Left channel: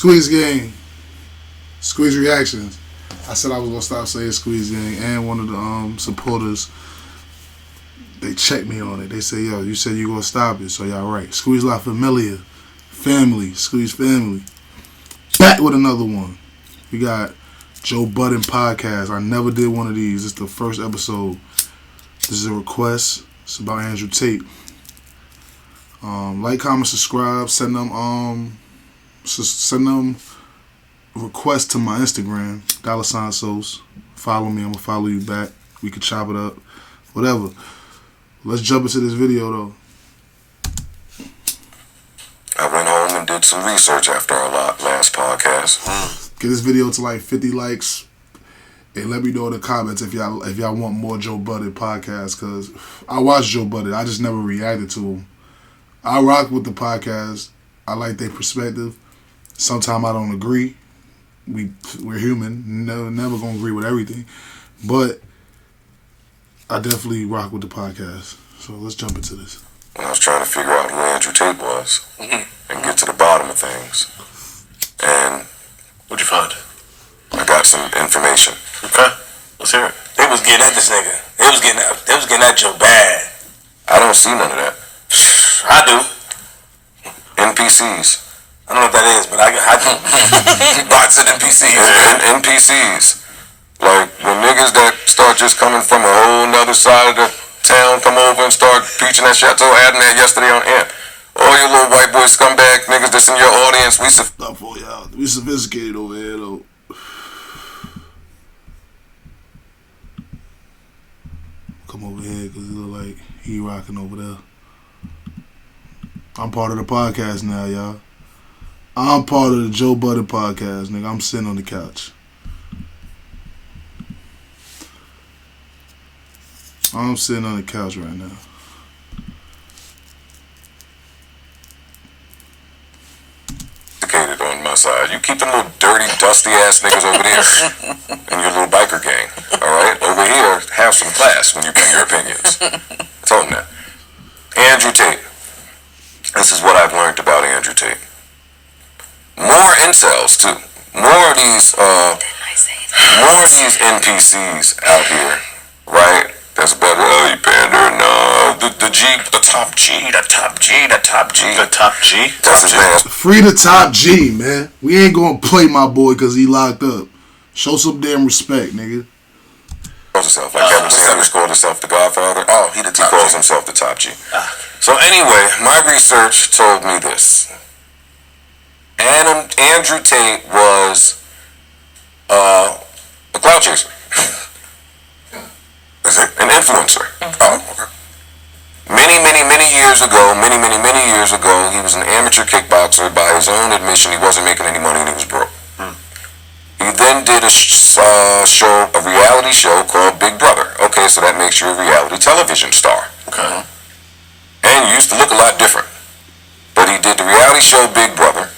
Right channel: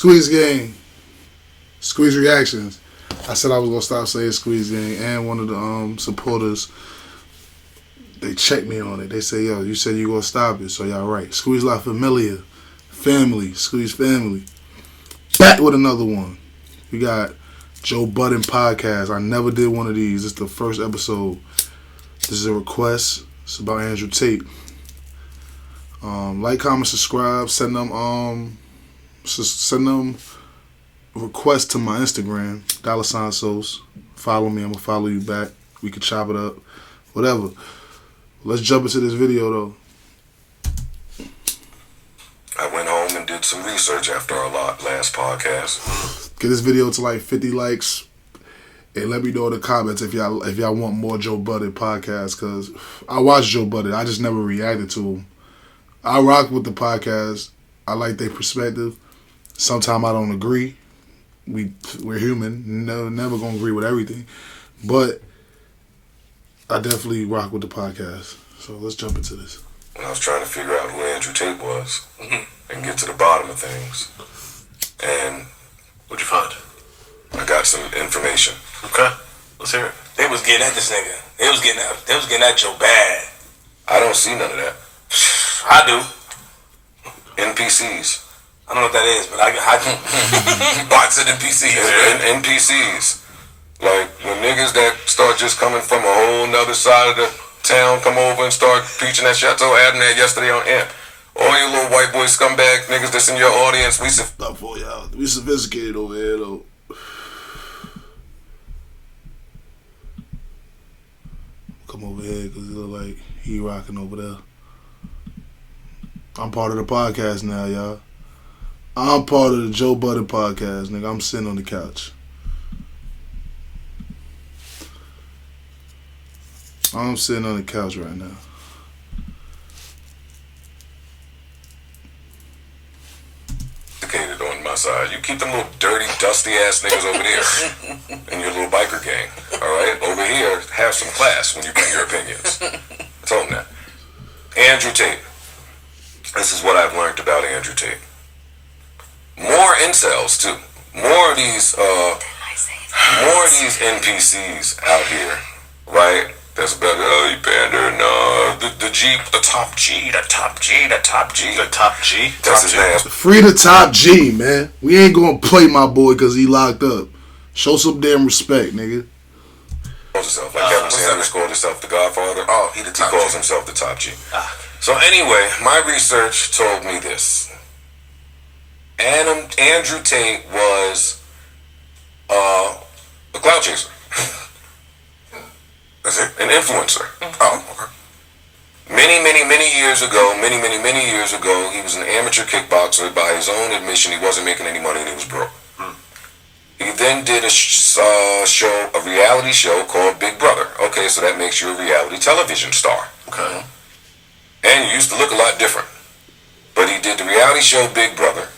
Squeeze Gang. Squeeze Reactions. I said I was going to stop saying Squeeze Gang, and one of the supporters, they checked me on it. They say, yo, you said you going to stop it, so y'all right. Squeeze La Familia. Family. Squeeze Family. Back with another one. We got Joe Budden podcast. I never did one of these. It's the first episode. This is a request. It's about Andrew Tate. Like, comment, subscribe. Send them requests to my Instagram, $sauce. Follow me. I'm gonna follow you back. We can chop it up. Whatever. Let's jump into this video though. I went home and did some research after our last podcast. Get this video to like 50 likes. And let me know in the comments if y'all want more Joe Budden podcast, because I watch Joe Budden. I just never reacted to him. I rock with the podcast. I like their perspective. Sometimes I don't agree. We're human. Never gonna agree with everything. But I definitely rock with the podcast. So let's jump into this. I was trying to figure out who Andrew Tate was and get to the bottom of things. And what'd you find? I got some information. Okay, let's hear it. They was getting at this nigga. They was getting at Joe bad. I don't see none of that. I do. NPCs. I don't know what that is, but I do. Bots of NPCs. NPCs. Like when niggas that start just coming from a whole nother side of the town come over and start preaching that shit. I told Adam that yesterday on Amp. All you little white boy scumbag niggas that's in your audience, we sophisticated over here though. Come over here because it look like he rocking over there. I'm part of the podcast now, y'all. I'm part of the Joe Budden podcast, nigga. I'm sitting on the couch. I'm sitting on the couch right now. On my side. You keep them little dirty, dusty ass niggas over there in your little biker gang. Alright? Over here, have some class when you bring your opinions. I told him that. Andrew Tate. This is what I've learned about Andrew Tate. More incels too. More of these NPCs out here, right? That's better. Oh, you pander. No, the top G. That's his name. Free the top G, man. We ain't gonna play my boy because he locked up. Show some damn respect, nigga. Calls himself like Kevin Sanders called himself the Godfather. Oh, he calls himself the top G. So anyway, my research told me this. Andrew Tate was a clout chaser. Is it? An influencer. Oh, okay. Many years ago, he was an amateur kickboxer. By his own admission, he wasn't making any money and he was broke. He then did a reality show called Big Brother. Okay, so that makes you a reality television star. Okay. And you used to look a lot different. But he did the reality show Big Brother.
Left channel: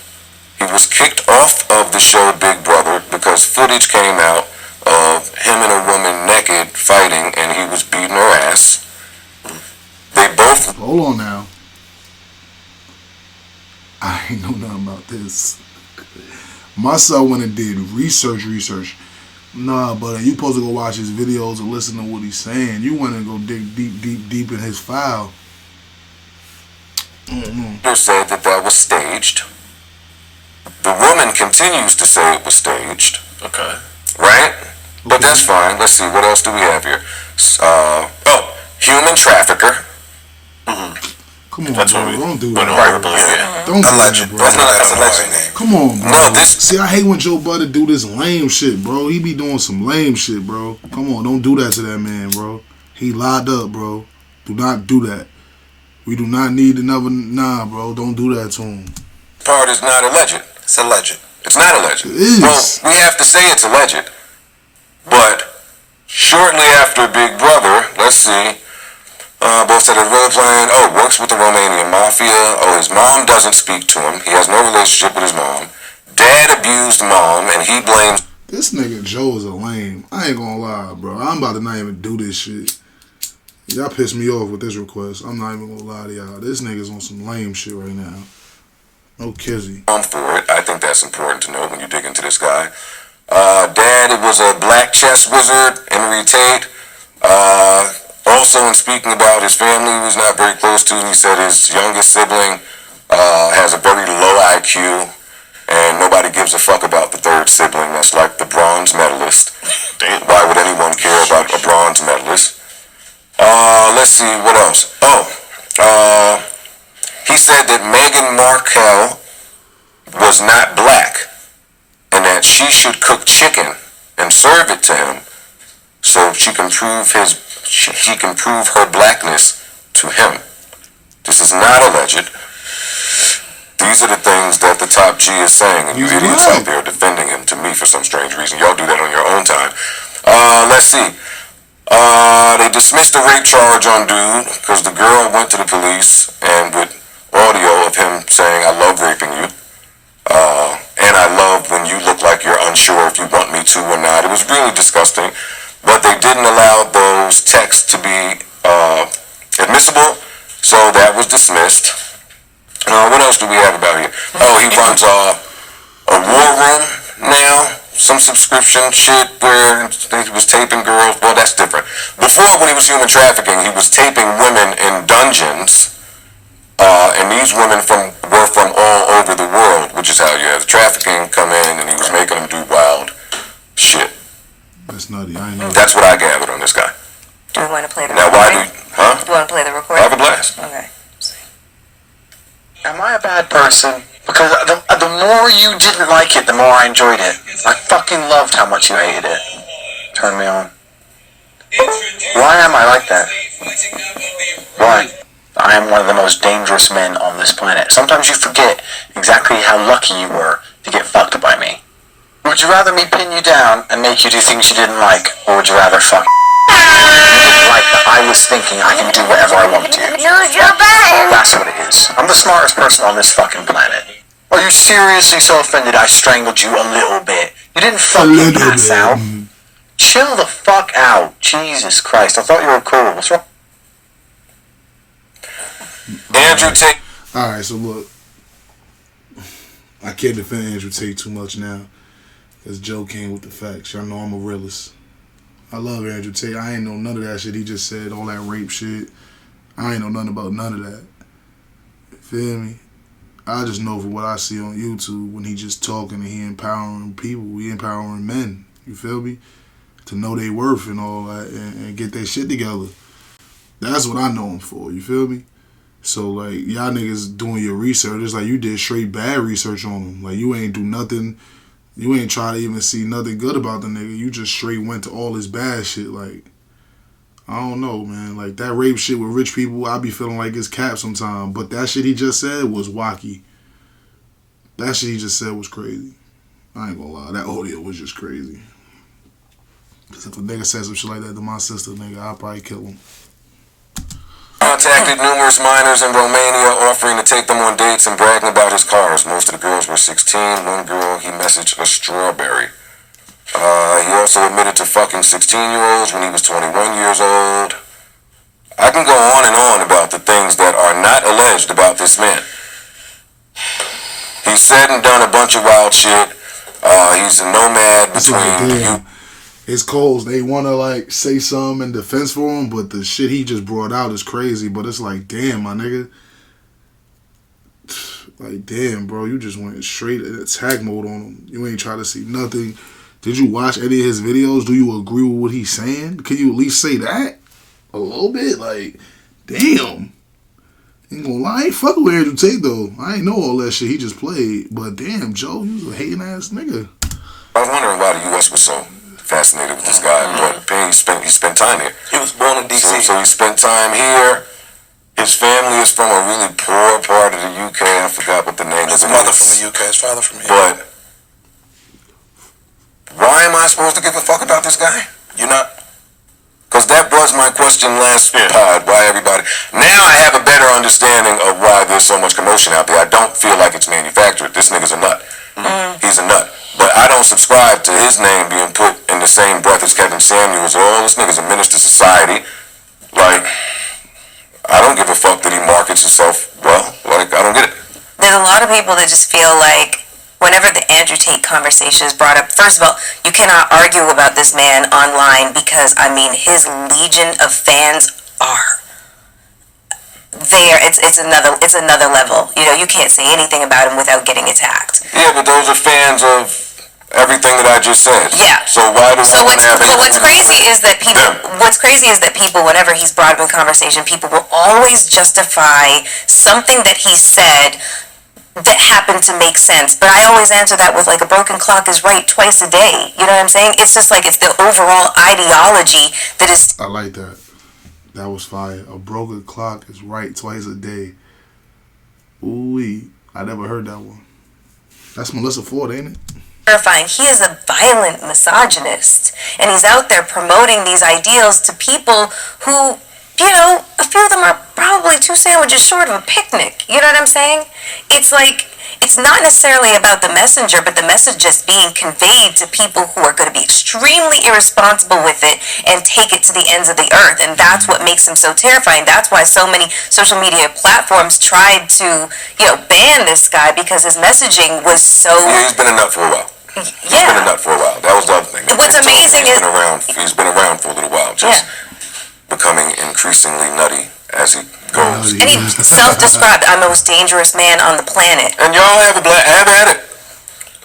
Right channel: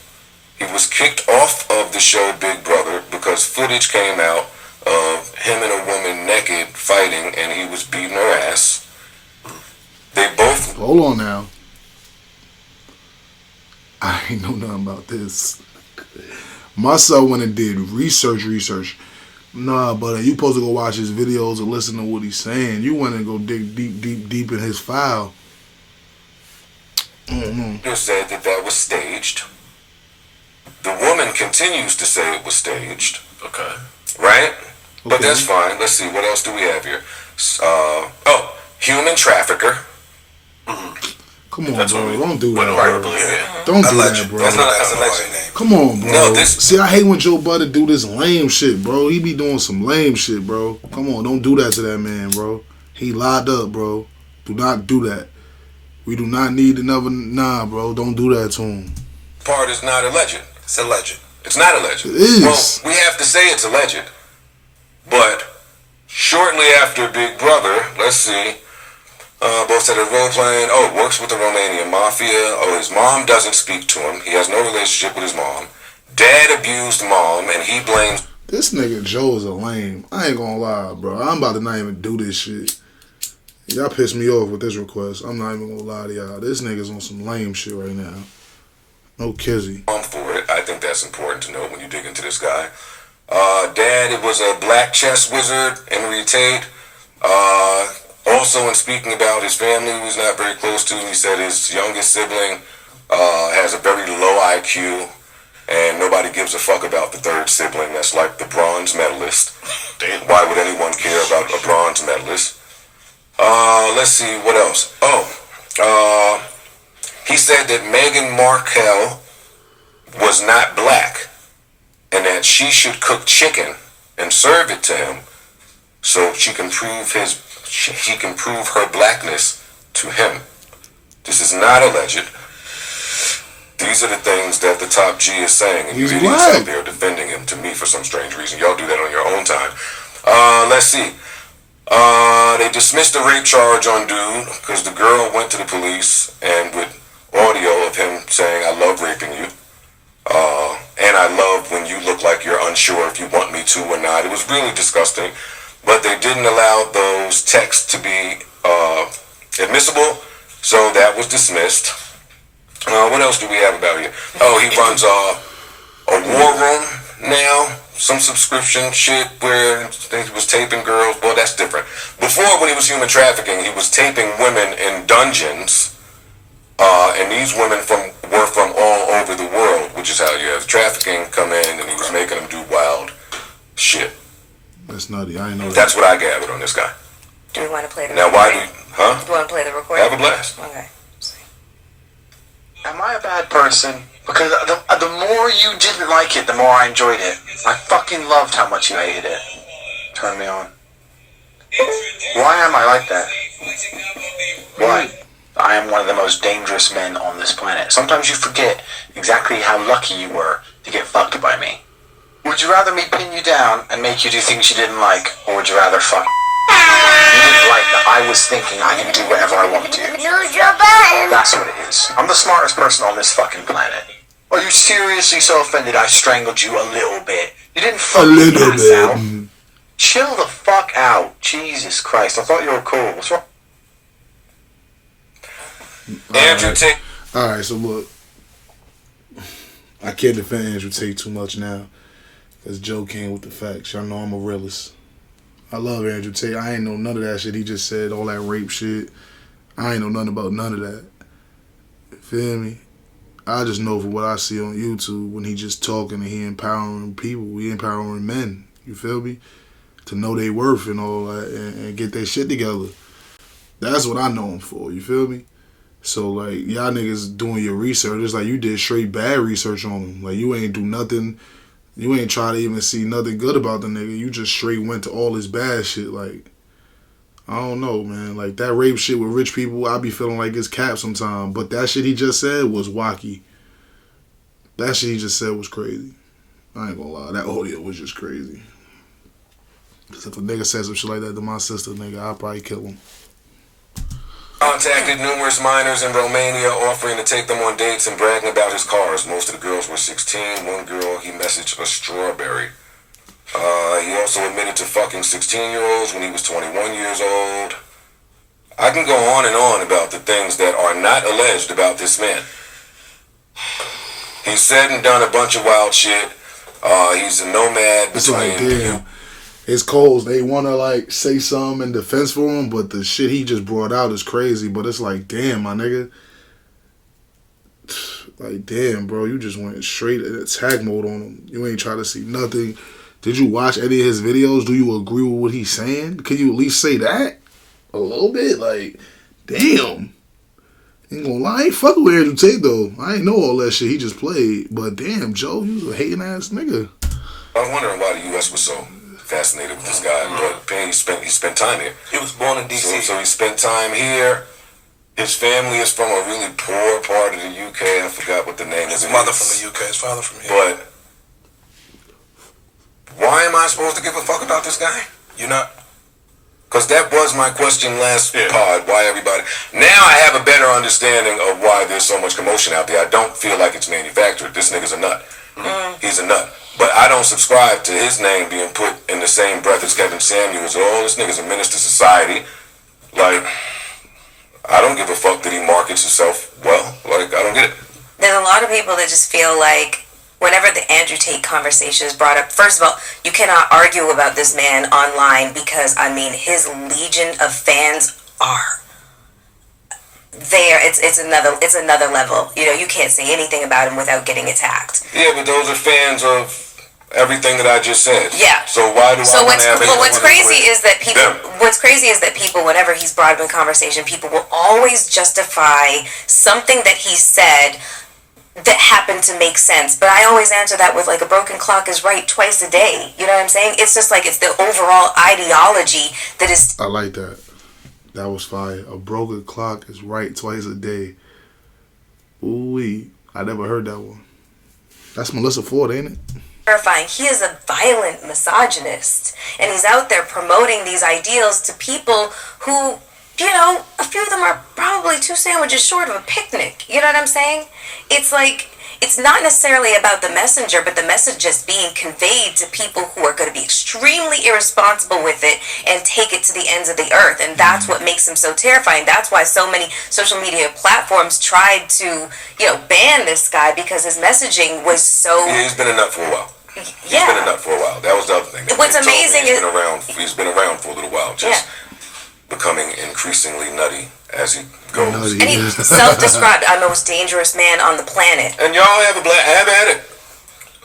He was kicked off of the show Big Brother because footage came out of him and a woman naked fighting and he was beating her ass. They both... Hold on now. I ain't know nothing about this. My son went and did research. Nah, but you supposed to go watch his videos and listen to what he's saying. You went and go dig deep in his file. Said that was staged. The woman continues to say it was staged. Okay. Right? But that's fine. Let's see. What else do we have here? Human trafficker. Come on, bro. Don't do that. Don't do that, bro. That's a legend name. Come on, bro. No, See, I hate when Joe Budden do this lame shit, bro. He be doing some lame shit, bro. Come on, don't do that to that man, bro. He locked up, bro. Do not do that. We do not need another... Nah, bro. Don't do that to him. Part is not alleged. It's alleged. It's not alleged. It is. Well, we have to say it's alleged. But shortly after Big Brother, let's see, both said a role playing, works with the Romanian mafia. His mom doesn't speak to him. He has no relationship with his mom. Dad abused mom, and he blames... This nigga Joe is a lame. I ain't gonna lie, bro. I'm about to not even do this shit. Y'all pissed me off with this request. I'm not even gonna lie to y'all. This nigga's on some lame shit right now. No kizzy. For it. I think that's important to know when you dig into this guy. Dad, it was a black chess wizard, Henry Tate. Also, in speaking about his family, he was not very close to, he said his youngest sibling has a very low IQ, and nobody gives a fuck about the third sibling. That's like the bronze medalist. Why would anyone care about a bronze medalist? Let's see, what else? He said that Meghan Markle was not black, and that she should cook chicken and serve it to him so she can prove her blackness to him. This is not alleged. These are the things that the Topg is saying, and you idiots out there defending him to me for some strange reason. Y'all do that on your own time. Let's see. They dismissed the rape charge on dude because the girl went to the police and with audio of him saying, "I love raping you. And I love when you look like you're unsure if you want me to or not." It was really disgusting. But they didn't allow those texts to be admissible, so that was dismissed. What else do we have about here? He runs a war room now, some subscription shit where he was taping girls. Well, that's different. Before, when he was human trafficking, he was taping women in dungeons, and these women were from all over the world, which is how you have the trafficking come in, and he was making them do wild shit. That's nutty. I ain't know. That's what I gathered on this guy. Do we want to play the Now, recording? why do you, Do you want to play the recording? Have a blast. Okay. Am I a bad person? Because the more you didn't like it, the more I enjoyed it. I fucking loved how much you hated it. Turn me on. Why am I like that? Why? I am one of the most dangerous men on this planet. Sometimes you forget exactly how lucky you were to get fucked by me. Would you rather me pin you down and make you do things you didn't like, or would you rather fuck you didn't like that I was thinking I can do whatever I want to? Use your button! That's what it is. I'm the smartest person on this fucking planet. Are you seriously so offended I strangled you a little bit? You didn't fucking pass out. Chill the fuck out. Jesus Christ. I thought you were cool. What's wrong? Andrew Tate. Alright, so look. I can't defend Andrew Tate too much now. Because Joe came with the facts. Y'all know I'm a realist. I love Andrew Tate. I ain't know none of that shit he just said. All that rape shit. I ain't know nothing about none of that. You feel me? I just know from what I see on YouTube when he just talking and he empowering people. He empowering men. You feel me? To know their worth and all that and get their shit together. That's what I know him for. You feel me? So, like, y'all niggas doing your research. It's like you did straight bad research on him. Like, you ain't do nothing. You ain't try to even see nothing good about the nigga. You just straight went to all his bad shit. Like, I don't know, man. Like, that rape shit with rich people, I be feeling like it's cap sometimes. But that shit he just said was wacky. That shit he just said was crazy. I ain't gonna lie. That audio was just crazy. Because if a nigga said some shit like that to my sister, nigga, I'll probably kill him. Contacted numerous minors in Romania offering to take them on dates and bragging about his cars. Most of the girls were 16. One girl, he messaged a strawberry. He also admitted to fucking 16-year-olds when he was 21 years old. I can go on and on about the things that are not alleged about this man. He's said and done a bunch of wild shit. He's a nomad It's like, damn. His calls, they want to, like, say something in defense for him, but the shit he just brought out is crazy. But it's like, damn, my nigga. Like, damn, bro, you just went straight attack mode on him. You ain't try to see nothing. Did you watch any of his videos? Do you agree with what he's saying? Can you at least say that? A little bit? Like, damn. Ain't gonna lie, I ain't fucking with Andrew Tate, though. I ain't know all that shit he just played. But damn, Joe, you was a hating ass nigga. I was wondering why the U.S. was so fascinated with this guy, but he spent time here. He was born in D.C. So he spent time here. His family is from a really poor part of the UK. I forgot what the name is. His mother from the UK, his father from here. But why am I supposed to give a fuck about this guy? You're not. Because that was my question last pod. Why everybody? Now I have a better understanding of why there's so much commotion out there. I don't feel like it's manufactured. This nigga's a nut. He's a nut. But I don't subscribe to his name being put in the same breath as Kevin Samuels. Oh, this nigga's a menace to society. Like, I don't give a fuck that he markets himself well. Like, I don't get it. There's a lot of people that just feel like whenever the Andrew Tate conversation is brought up, first of all, you cannot argue about this man online because, I mean, his legion of fans are there. It's another level. You know, you can't say anything about him without getting attacked. Yeah, but those are fans of everything that I just said. Yeah. So why do I want to have anything what's crazy is that people them? what's crazy is that people, whenever he's brought up in conversation, people will always justify something that he said that happened to make sense. But I always answer that with, like, a broken clock is right twice a day. You know what I'm saying? It's just like, it's the overall ideology that is... I like that. That was fire. A broken clock is right twice a day. Ooh-wee. I never heard that one. That's Melissa Ford, ain't it? terrifying. He is a violent misogynist. And he's out there promoting these ideals to people who... You know, a few of them are probably 2 sandwiches short of a picnic. You know what I'm saying? It's like, it's not necessarily about the messenger, but the message just being conveyed to people who are going to be extremely irresponsible with it and take it to the ends of the earth. And that's what makes him so terrifying. That's why so many social media platforms tried to, you know, ban this guy, because his messaging was so... Yeah, he's been a nut for a while. He's Yeah. been a nut for a while. That was the other thing. What's amazing is... He's been around for a little while. Just... Yeah. Becoming increasingly nutty as he goes. And he's self-described the most dangerous man on the planet. And y'all have at it.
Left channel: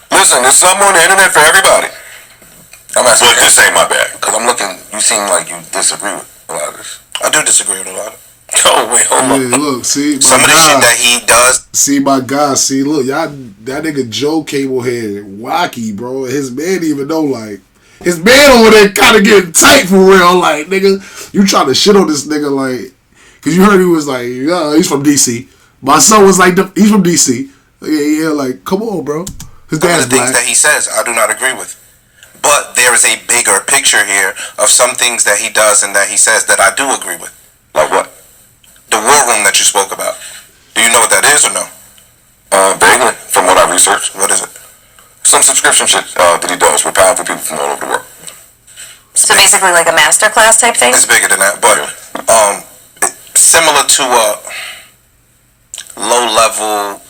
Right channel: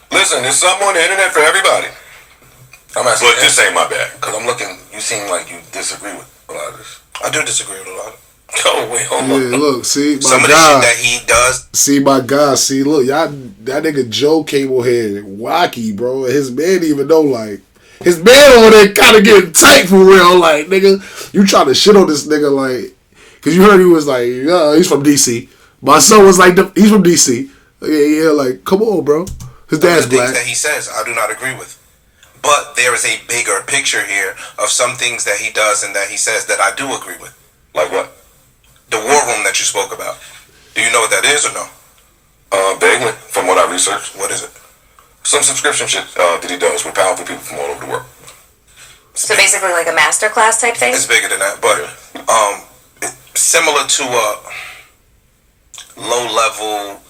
Listen, there's something on the internet for everybody. I'm asking, but this ain't my bag. because I'm looking. You seem like you disagree with a lot of this. I do disagree with a lot of it. Oh wait, hold on. Yeah, look, see, my Some of the guy, shit that he does. see, my guy, see, look, y'all, that nigga Joe Cablehead, wacky, bro. His man didn't even know, like, his man over there kind of getting tight for real, like, nigga, you trying to shit on this nigga, like, because you heard he was like, he's from DC. My son was like, he's from DC. Yeah, like, come on, bro. His dad's Some of the things black. that he says, I do not agree with. But there is a bigger picture here of some things that he does and that he says that I do agree with. Like what? The war room that you spoke about. Do you know what that is or no? Vaguely, from what I researched. What is it? Some subscription shit that he does with powerful people from all over the world. So basically like a masterclass type thing? It's bigger than that, but similar to a low-level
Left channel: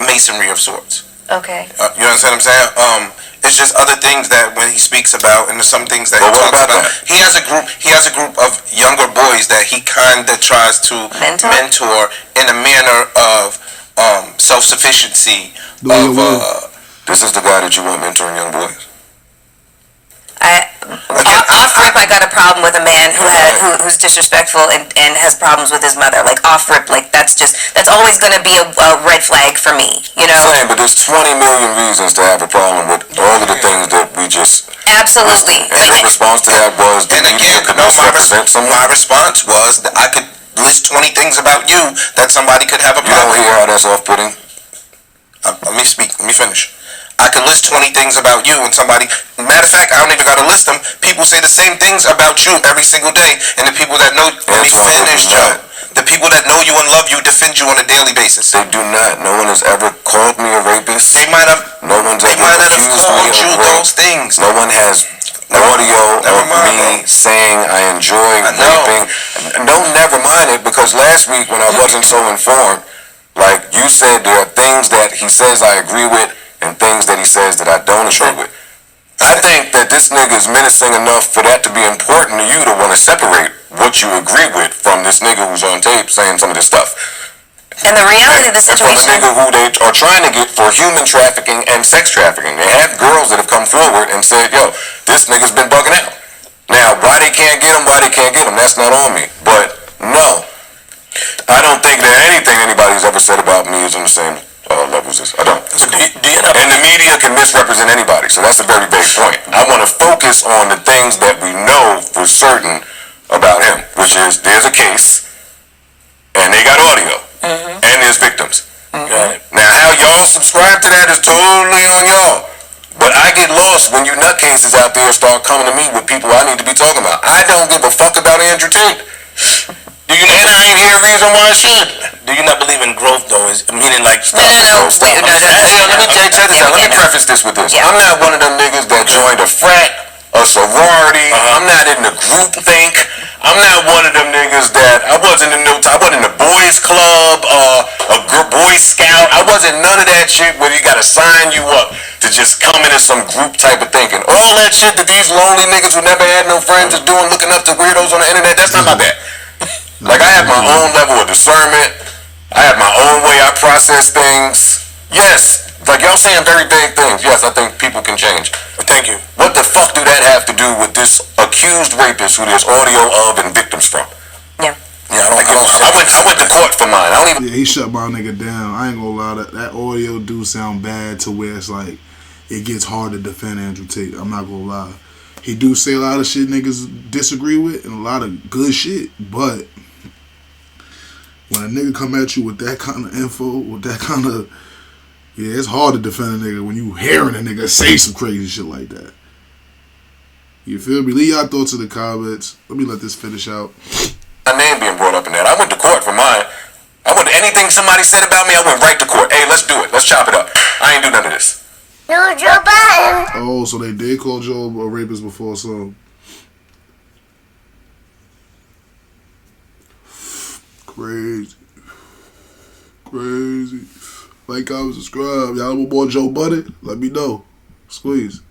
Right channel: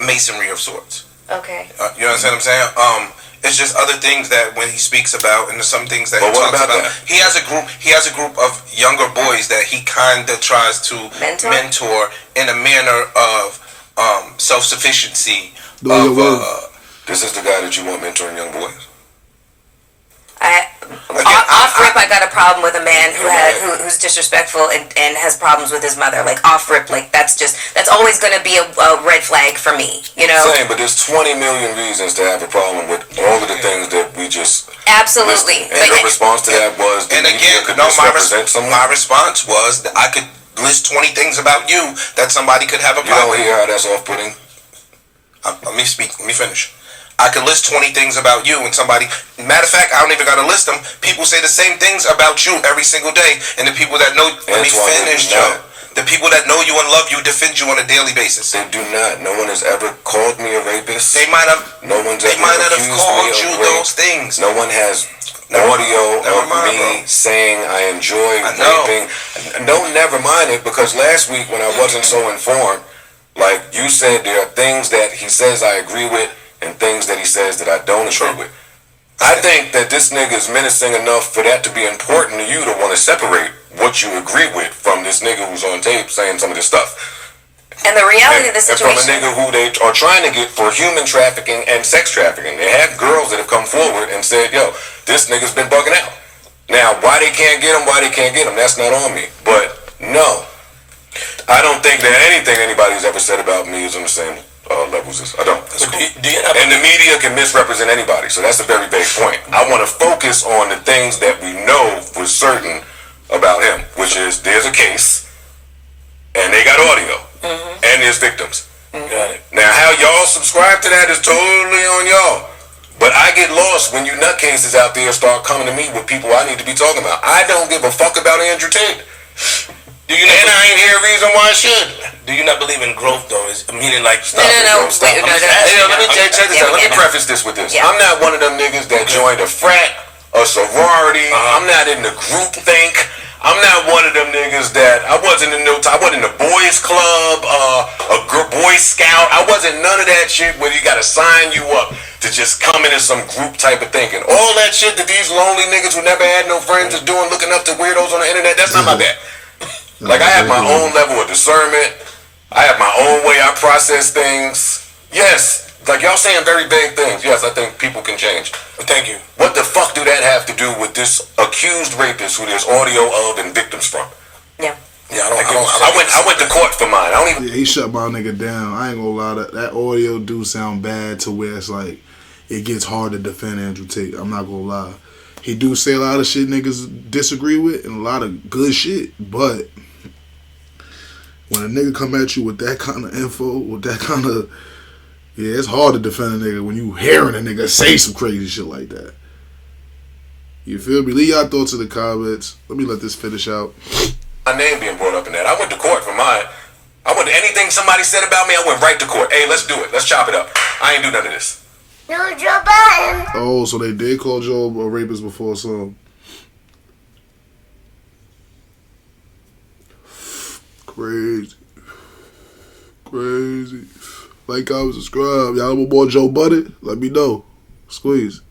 masonry of sorts. Okay. You understand what I'm saying? It's just other things that when he speaks about, and there's some things that But he what talks about about. that? He has a group of younger boys that he kind of tries to mentor in a manner of self-sufficiency. This is the guy that you want mentoring young boys. Off rip, I got a problem with a man who's disrespectful and has problems with his mother. Like off rip, like that's always going to be a red flag for me. You know. Same, but there's 20 million reasons to have a problem with all of the things that we just Absolutely. listed. And your response to that was the media could misrepresent someone. My response was that I could list 20 things about you that somebody could have a You problem don't hear how that's off-putting? Let me speak. Let me finish. I could list 20 things about you and somebody... Matter of fact, I don't even got to list them. People say the same things about you every single day. And the people that know... Let me finish, Joe. The people that know you and love you defend you on a daily basis. They do not. No one has ever called me a rapist. They might have... No one's They ever might not have accused called me you of rape. those things. No one has audio of me saying I enjoy raping. No, never mind it, because last week when I wasn't so informed, like you said, there are things that he says I agree with and things that he says that I don't agree with. I think that this nigga is menacing enough for that to be important to you to want to separate what you agree with from this nigga who's on tape saying some of this stuff. And the reality of the And from a situation... nigga who they are trying to get for human trafficking and sex trafficking. They have girls that have come forward and said, yo, this nigga's been bugging out. Now, why they can't get him, that's not on me. But, no. I don't think that anything anybody's ever said about me is on the same levels as... I don't. That's cool. And the media can misrepresent anybody, so that's a very vague point. I want to focus on the things that we know for certain about him, which is there's a case, and they got audio. And there's victims. Now, how y'all subscribe to that is totally on y'all. But I get lost when you nutcases out there start coming to me with people I need to be talking about. I don't give a fuck about Andrew Tate. And I ain't hear a reason why I should. Do you not believe in growth, though? Meaning like... No. Wait, no. Let me check this out. Let me preface this with this. Yeah. I'm not one of them niggas that joined a frat, a sorority. I'm not in the group think. I'm not one of them niggas that I wasn't in the boys club, a Boy Scout. I wasn't none of that shit where you gotta sign you up to just come into some group type of thinking. All that shit that these lonely niggas who never had no friends are doing, looking up to weirdos on the internet, that's not my bad. Like, I have my own level of discernment. I have my own way I process things. Yes, like y'all saying very vague things. Yes, I think people can change. Thank you. What the fuck do that have to do with this accused rapist who there's audio of and victims from? Yeah. Yeah, I went to court for mine. I don't even. Yeah, he shut my nigga down. I ain't gonna lie, that audio do sound bad to where it's like it gets hard to defend Andrew Tate. I'm not gonna lie. He do say a lot of shit niggas disagree with and a lot of good shit, but when a nigga come at you with that kind of info, with that kind of, yeah, it's hard to defend a nigga when you hearing a nigga say some crazy shit like that. You feel me? Leave y'all thoughts in the comments. Let me let this finish out. My name being brought up in that. I went to court for mine. Anything somebody said about me, I went right to court. Hey, let's do it. Let's chop it up. I ain't do none of this. No, Joe Budden. Oh, so they did call Joe a rapist before, so. Crazy. Like, comment, subscribe. Y'all want more Joe Budden? Let me know. Squeeze.